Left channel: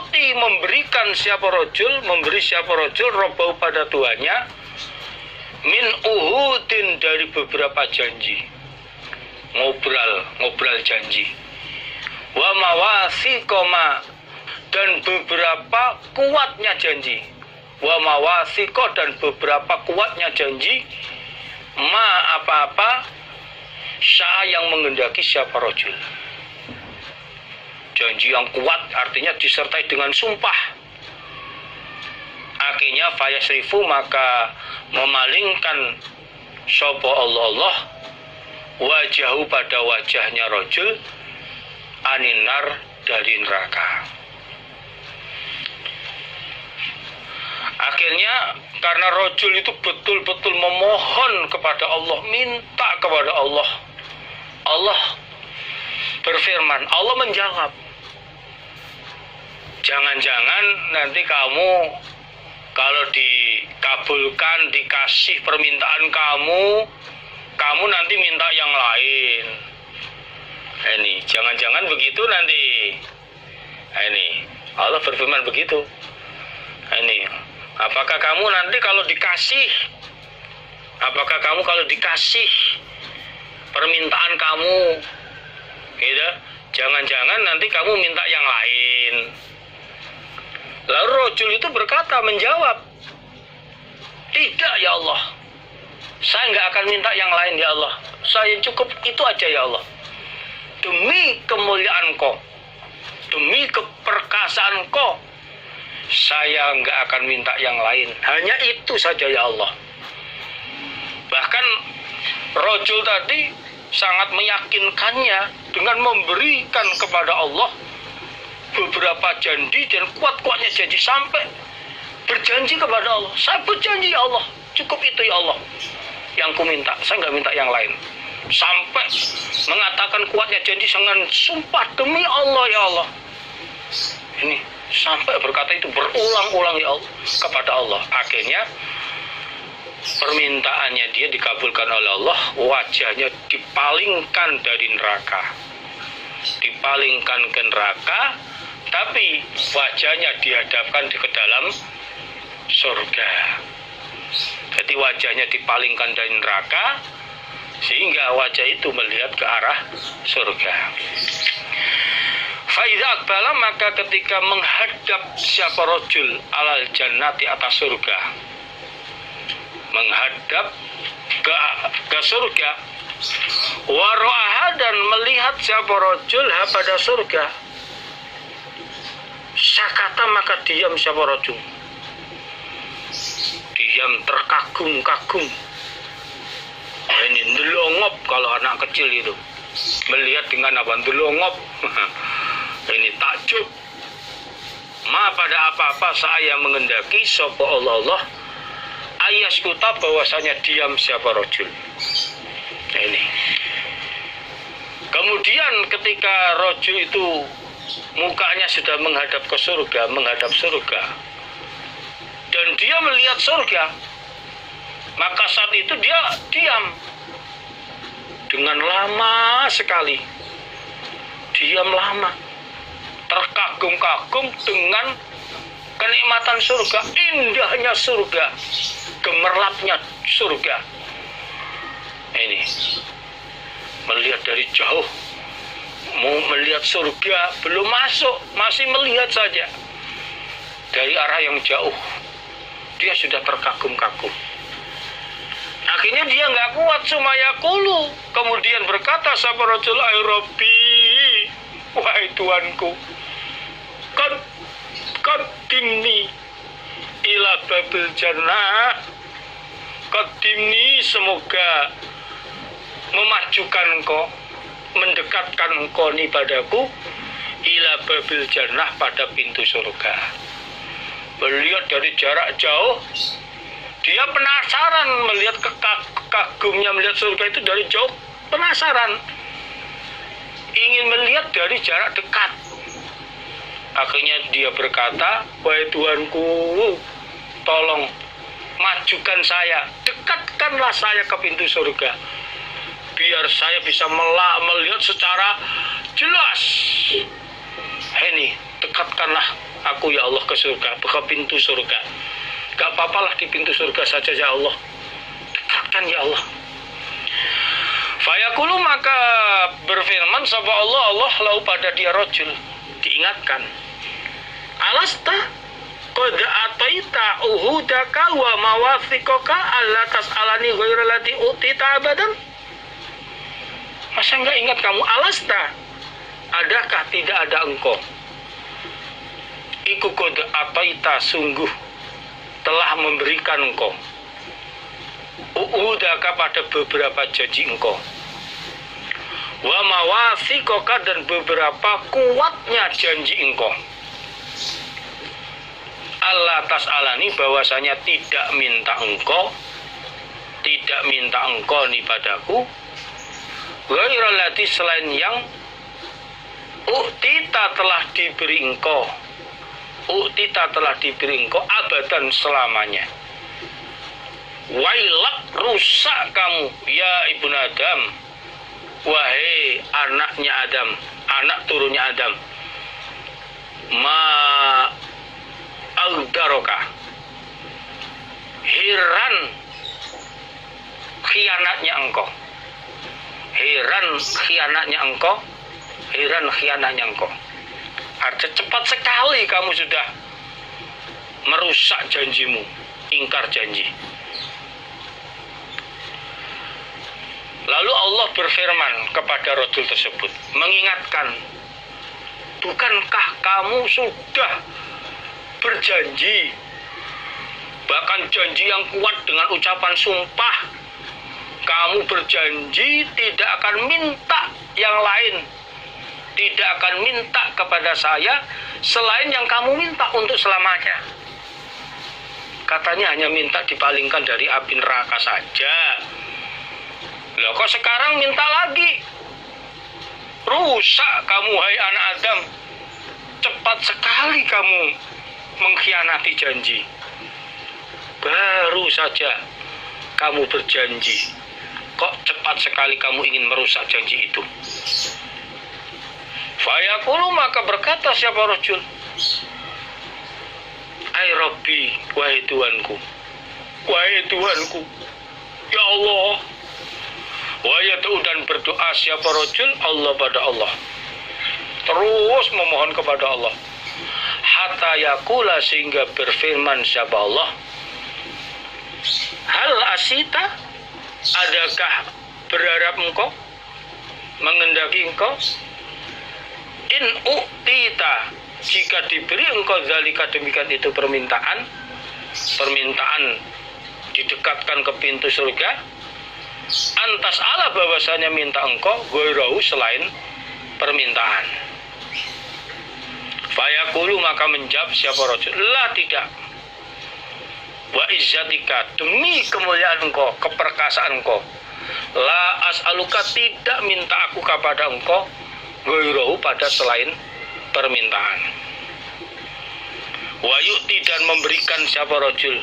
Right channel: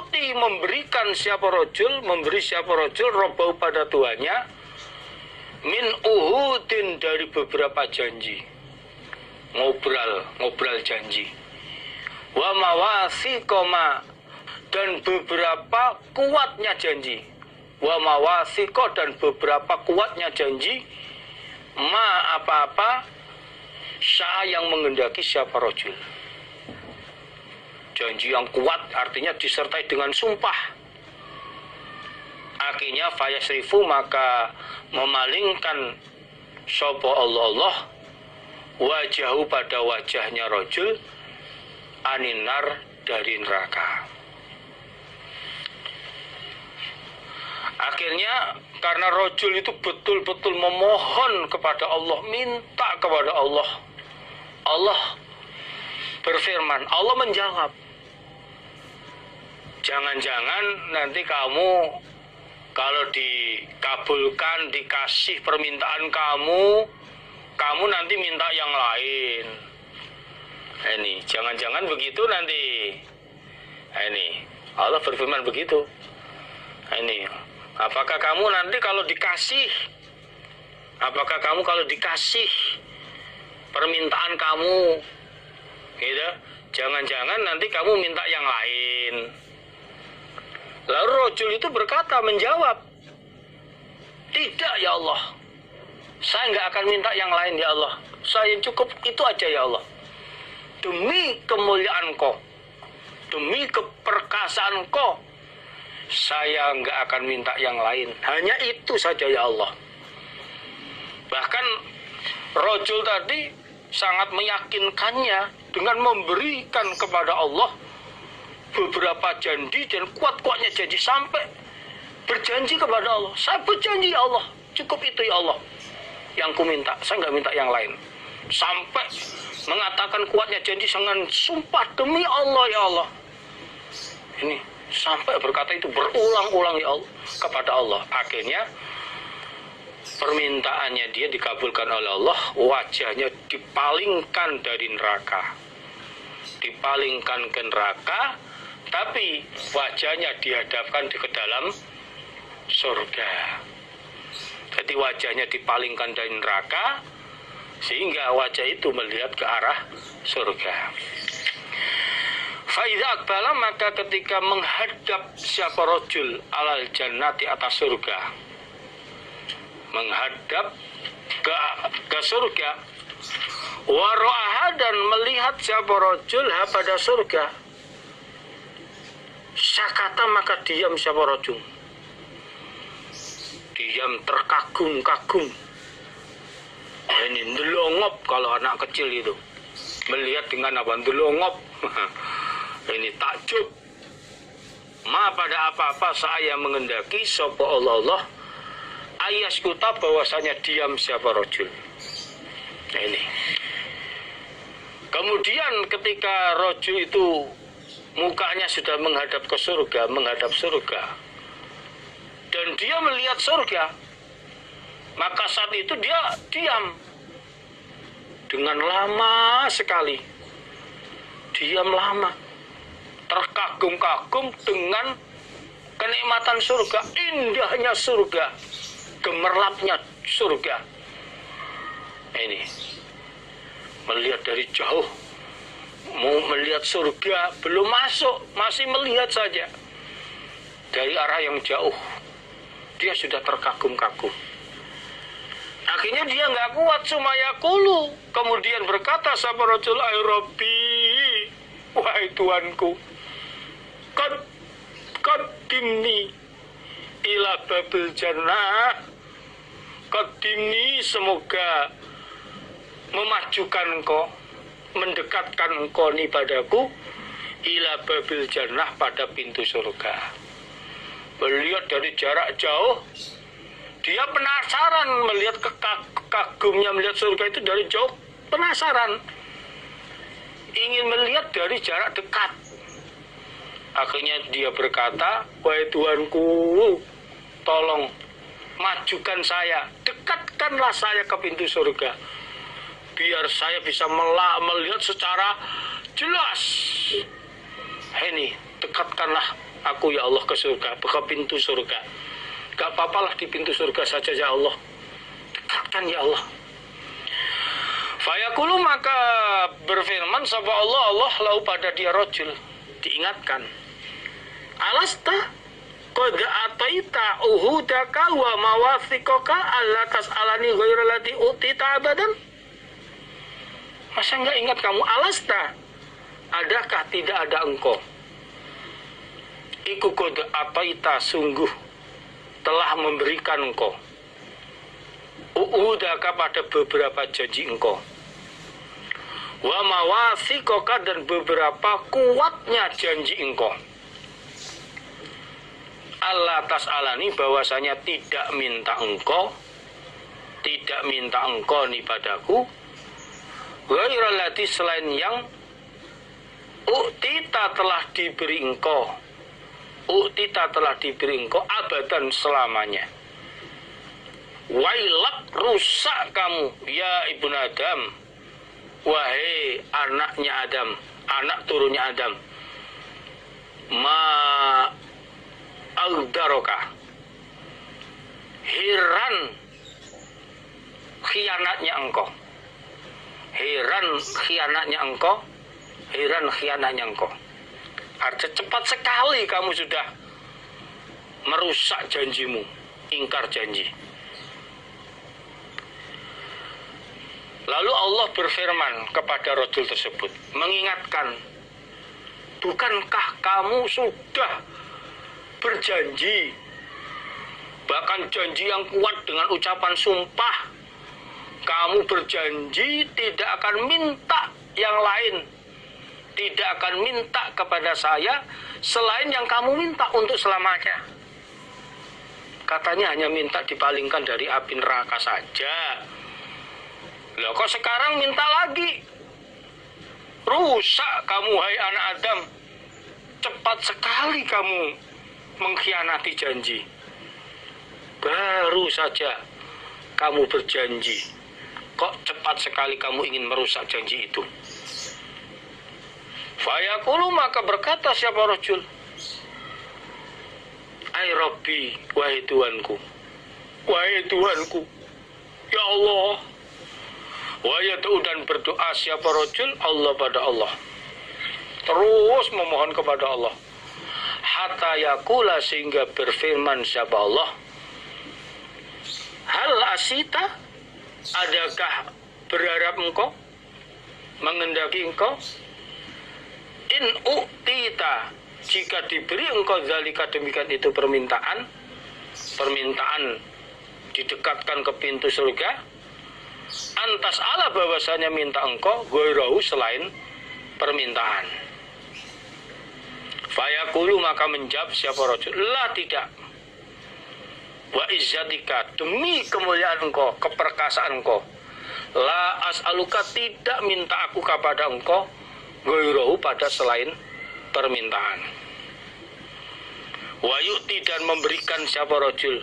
yu'ti memberikan siapa rojul, memberi siapa rojul robbau pada tuannya min uhudin dari beberapa janji, ngobrol janji, wa mawasiqoma dan beberapa kuatnya janji, wa mawasiqo dan beberapa kuatnya janji, ma apa-apa sya yang menghendaki siapa rojul. Janji yang kuat artinya disertai dengan sumpah. Akhirnya fayasrifu maka memalingkan sapa Allah wajahu pada wajahnya rojul aninar dari neraka. Akhirnya karena rojul itu betul-betul memohon kepada Allah, minta kepada Allah, Allah berfirman, Allah menjawab, jangan-jangan nanti kamu kalau dikabulkan, dikasih permintaan kamu nanti minta yang lain. Ini jangan-jangan begitu nanti. Ini Allah berfirman begitu. Ini apakah kamu nanti kalau dikasih, permintaan kamu, gitu, jangan-jangan nanti kamu minta yang lain. Lalu rojul itu berkata, menjawab, tidak ya Allah, saya nggak akan minta yang lain ya Allah, saya cukup itu aja ya Allah. Demi kemuliaan Kau, demi keperkasaan Kau, saya nggak akan minta yang lain, hanya itu saja ya Allah. Bahkan rojul tadi sangat meyakinkannya dengan memberikan kepada Allah beberapa janji dan kuat-kuatnya janji, sampai berjanji kepada Allah, saya berjanji ya Allah, cukup itu ya Allah yang ku minta, saya nggak minta yang lain. Sampai mengatakan kuatnya janji dengan sumpah, demi Allah ya Allah. Ini sampai berkata itu berulang-ulang ya Allah kepada Allah. Akhirnya permintaannya dia dikabulkan oleh Allah, wajahnya dipalingkan dari neraka, dipalingkan ke neraka, tapi wajahnya dihadapkan ke dalam surga. Jadi wajahnya dipalingkan dari neraka sehingga wajah itu melihat ke arah surga. Faiza akbala maka ketika menghadap siapa rojul alal jannati atas surga, menghadap ke surga, waro'aha dan melihat siapa rojul pada surga, sakata maka diam siapa rojul, diam terkagum-kagum. Ini ndelongop, kalau anak kecil itu melihat dengan apa, ndelongop. Ini takjub. Ma pada apa-apa saya mengendaki sapa Allah ayaskuta bahwasanya diam siapa rojul. Nah ini. Kemudian ketika rojul itu mukanya sudah menghadap ke surga, menghadap surga, dan dia melihat surga, maka saat itu dia diam dengan lama sekali, diam lama, terkagum-kagum dengan kenikmatan surga, indahnya surga, gemerlapnya surga. Ini melihat dari jauh, mau melihat surga, belum masuk, masih melihat saja dari arah yang jauh, dia sudah terkagum-kagum. Akhirnya dia nggak kuat, sumayakulu, kemudian berkata sapa rajul, ay Rabbi, wahai Tuanku, qaddimni ila babil jannah, qaddimni, semoga memajukan engkau, mendekatkan engkau ni padaku, ila babil jannah, pada pintu surga. Melihat dari jarak jauh, dia penasaran melihat kagumnya melihat surga itu dari jauh, penasaran, ingin melihat dari jarak dekat. Akhirnya dia berkata, wahai Tuanku, tolong majukan saya, dekatkanlah saya ke pintu surga, biar saya bisa melihat secara jelas. Ini dekatkanlah aku ya Allah ke surga, ke pintu surga. Gak apa-apalah di pintu surga saja ya Allah. Dekatkan ya Allah. Fayaqulu, maka berfirman sapa Allah lau pada dia rajul, diingatkan. Alasta qad ataita uhudaka wa mawathiqaka alla tas'alani ghairal lati utita abadan. Masa enggak ingat kamu? Alasta, adakah tidak ada engkau? Iku qad ataita, sungguh telah memberikan engkau uhudaka, pada beberapa janji engkau, wa mawathiqaka, dan beberapa kuatnya janji engkau. Allah tas'alani, bahwasanya tidak minta engkau nih padaku, ghairal lati, selain yang uktita telah diberi engkau abadan, selamanya. Wailak, rusak kamu ya ibnu Adam, wahai anaknya Adam, anak turunnya Adam. Ma aldaroka, heran khianatnya engkau, artinya cepat sekali kamu sudah merusak janjimu, ingkar janji. Lalu Allah berfirman kepada rajul tersebut, mengingatkan, bukankah kamu sudah berjanji, bahkan janji yang kuat dengan ucapan sumpah, kamu berjanji tidak akan minta yang lain, tidak akan minta kepada saya selain yang kamu minta untuk selamanya. Katanya hanya minta dipalingkan dari api neraka saja. Loh, kok sekarang minta lagi? Rusak kamu hai anak Adam, cepat sekali kamu mengkhianati janji. Baru saja kamu berjanji, kok cepat sekali kamu ingin merusak janji itu. Fayaqulu, maka berkata siapa rajul, ai Rabbi, wahai Tuhanku, ya Allah. Wa yad'u, dan berdoa siapa rajul Allah pada Allah, terus memohon kepada Allah. Hatta yaqula, sehingga berfirman siapa Allah, hal asita, adakah berharap engkau, mengendaki engkau, in uktita, jika diberi engkau zalika, demikian itu permintaan didekatkan ke pintu surga, antas Allah, bahwasanya minta engkau ghairahu, selain permintaan. Fayaqulu, maka menjawab siapa rajul, la, tidak. Wa izzatika, demi kemuliaan engkau, keperkasaan engkau, la as'aluka, tidak minta aku kepada engkau ghairahu, pada selain permintaan. Wa yu'ti, dan memberikan siapa rajul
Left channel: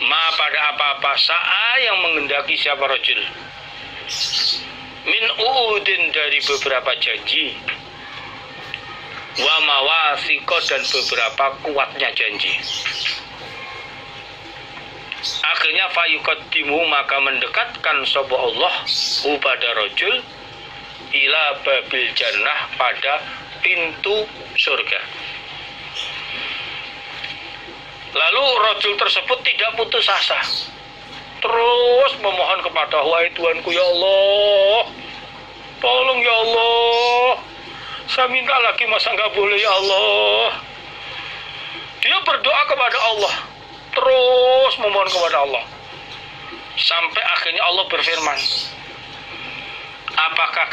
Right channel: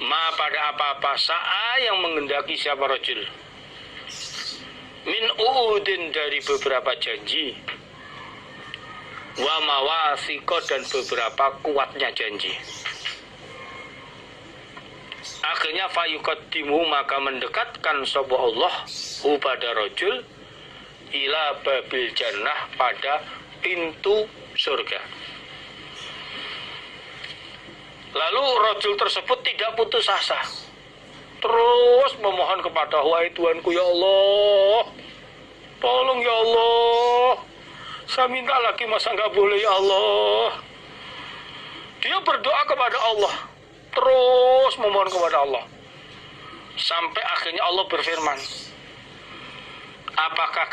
ma, pada apa-apa, sa'a, yang mengendaki siapa rajul, min uudin, dari beberapa janji, wa mawathiqo, dan beberapa kuatnya janji. Akhirnya fayuqaddimu, maka mendekatkan sapa Allah pada rajul ila babil jannah, pada pintu surga. Lalu rajul tersebut tidak putus asa, terus memohon kepada, wahai Tuhanku ya Allah, tolong ya Allah, saya minta lagi, masa nggak boleh ya Allah. Dia berdoa kepada Allah, terus memohon kepada Allah, sampai akhirnya Allah berfirman, apakah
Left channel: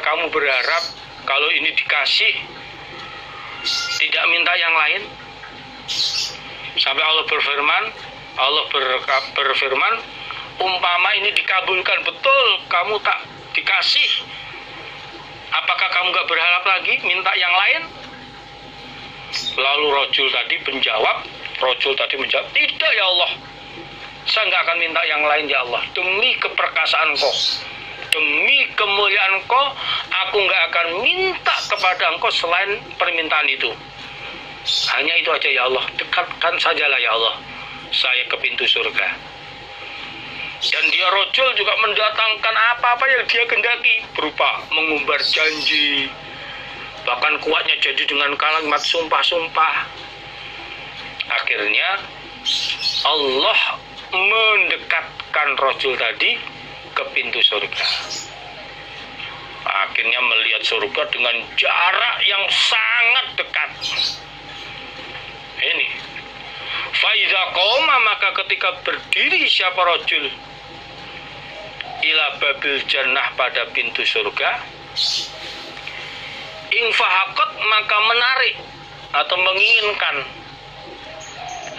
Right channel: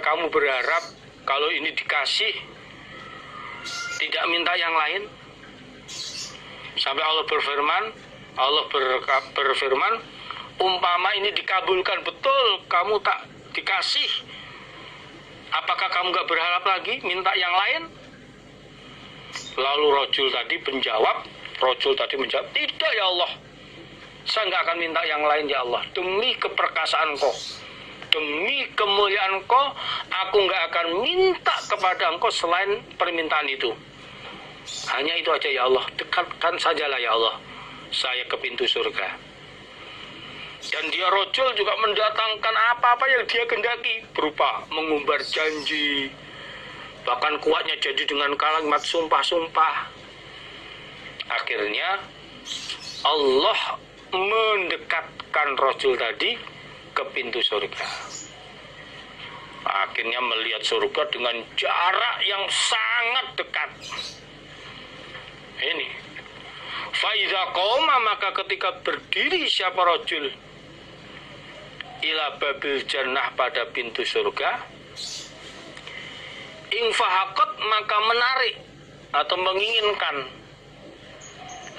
kamu berharap kalau ini dikasih, tidak minta yang lain? Sampai Allah berfirman, umpama ini dikabulkan betul, kamu tak dikasih, apakah kamu gak berharap lagi minta yang lain? Lalu rajul tadi menjawab, tidak ya Allah, saya gak akan minta yang lain ya Allah, demi keperkasaan Kau, demi kemuliaan Kau, aku nggak akan minta kepada engkau selain permintaan itu. Hanya itu aja ya Allah, dekatkan sajalah ya Allah saya ke pintu surga. Dan dia rojul juga mendatangkan apa-apa yang dia kendaki, berupa mengumbar janji, bahkan kuatnya janji dengan kalimat sumpah-sumpah. Akhirnya Allah mendekatkan rojul tadi ke pintu surga. Akhirnya melihat surga dengan jarak yang sangat dekat. Ini Faiza qoma, maka ketika berdiri siapa rojul ila babil jannah, pada pintu surga, infahakot, maka menarik atau menginginkan,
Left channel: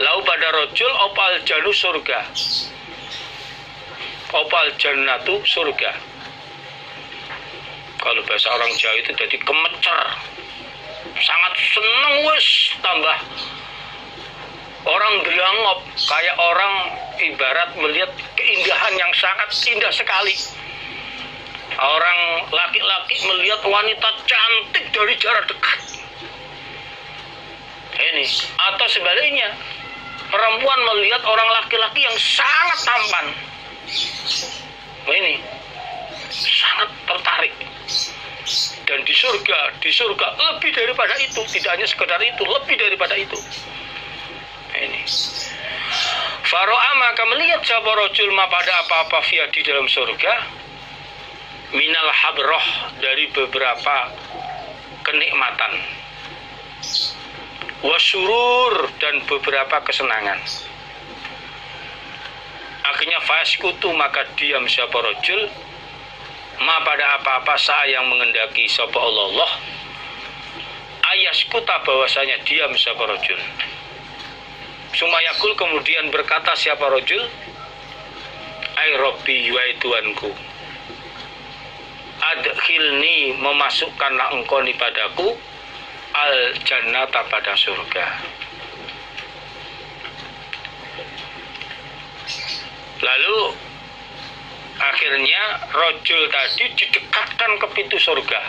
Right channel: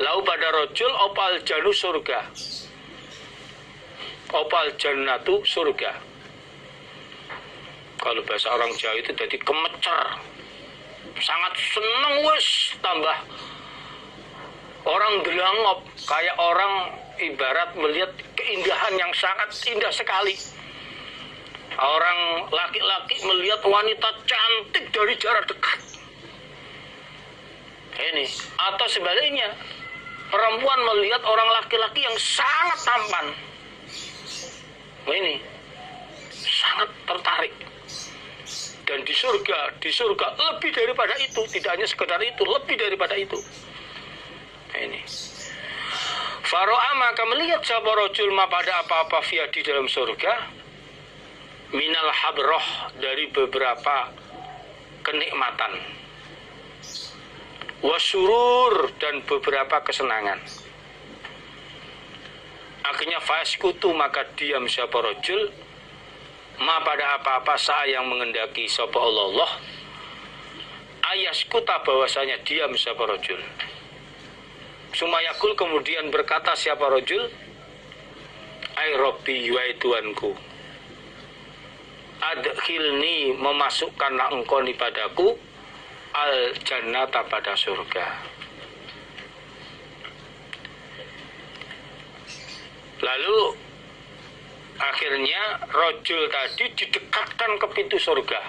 lau pada rojul opal janu surga, opal jannatu surga. Kalau bahasa orang Jawa itu jadi kemecer, sangat seneng, wes tambah orang gelangop, kayak orang ibarat melihat keindahan yang sangat indah sekali. Orang laki-laki melihat wanita cantik dari jarak dekat. Ini, atau sebaliknya, perempuan melihat orang laki-laki yang sangat tampan. Ini sangat tertarik. Dan di surga lebih daripada itu, tidak hanya sekedar itu, lebih daripada itu. Ini Faro'a, maka melihat siapa rojul ma, pada apa-apa via di dalam surga, minal habroh, dari beberapa kenikmatan, wasurur, dan beberapa kesenangan. Akhirnya faskutu, maka diam siapa rojul ma, pada apa-apa saya yang mengendaki sapa Allah, ayaskuta, bahwasanya diam siapa rojul. Sumayakul, kemudian berkata siapa rojul, ay Rabbi, wahai Tuhanku, adkhilni, memasukkanlah engkau ni padaku, al jannata, pada surga. Lalu akhirnya rojul tadi didekatkan ke pintu surga.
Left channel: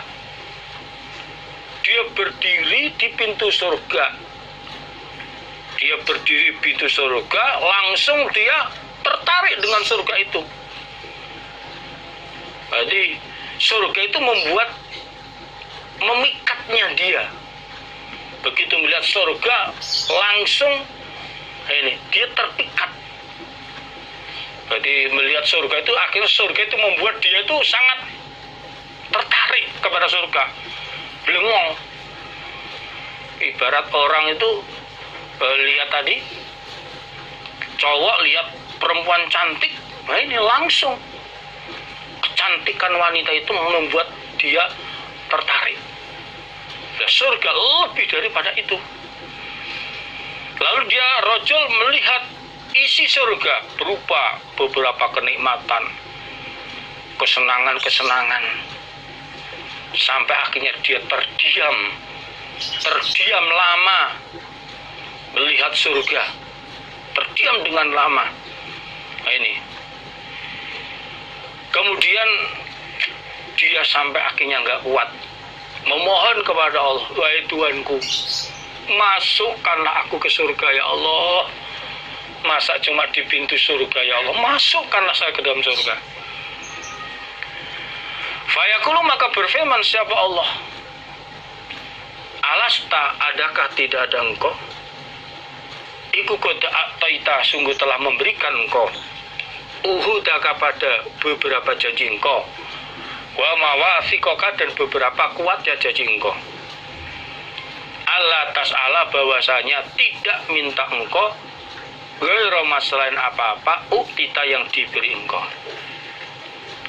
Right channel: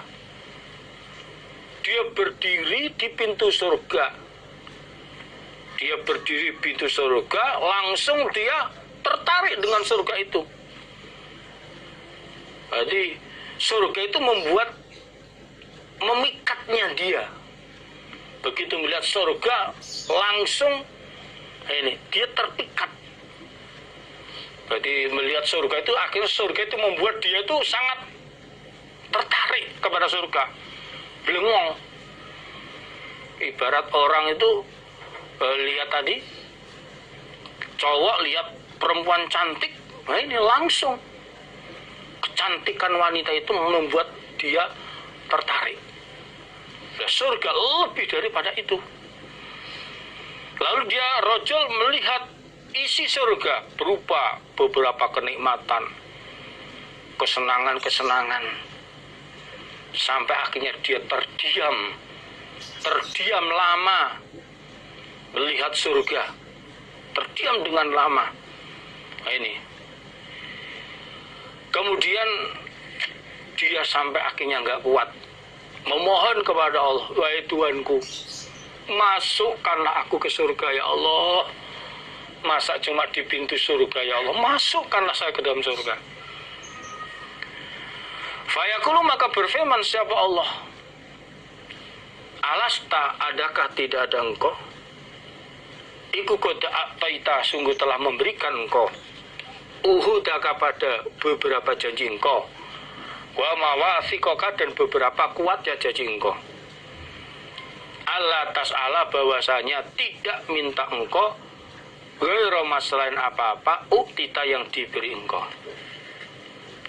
Dia berdiri di pintu surga. Dia berdiri di pintu surga, langsung dia tertarik dengan surga itu. Jadi surga itu memikatnya dia. Begitu melihat surga, langsung dia terpikat. Jadi melihat surga itu, akhirnya surga itu membuat dia itu sangat tertarik kepada surga. Belengong. Ibarat orang itu lihat tadi, cowok lihat perempuan cantik, nah ini langsung kecantikan wanita itu membuat dia tertarik. Nah, surga lebih daripada itu. Lalu dia rojul melihat isi surga berupa beberapa kenikmatan, kesenangan-kesenangan, sampai akhirnya dia terdiam lama melihat surga, terdiam dengan lama. Nah, ini kemudian dia sampai akhirnya nggak kuat, memohon kepada Allah, wahai Tuhanku, masukkanlah aku ke surga ya Allah. Masa cuma di pintu surga ya Allah, masukkanlah saya ke dalam surga. Fayaqulu, maka berfirman siapa Allah, alasta, adakah tidak ada engkau, iku qad ataita, sungguh telah memberikan engkau, uhudaka, pada beberapa janji engkau, wa mawathiqaka, dan beberapa kuatnya janji engkau, Allah tas'ala, bahwasanya tidak minta engkau, ghairu selain apa-apa, uktita, yang diberi engkau.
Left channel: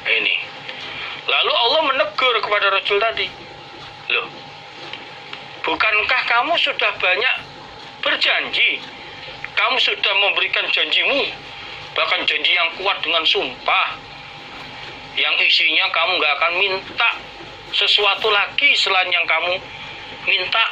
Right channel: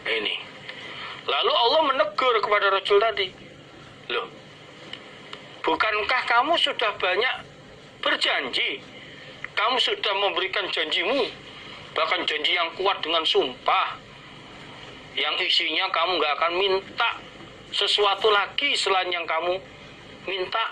Ini. Lalu Allah menegur kepada rajul tadi, loh, bukankah kamu sudah banyak berjanji? Kamu sudah memberikan janjimu, bahkan janji yang kuat dengan sumpah, yang isinya kamu gak akan minta sesuatu lagi selain yang kamu minta.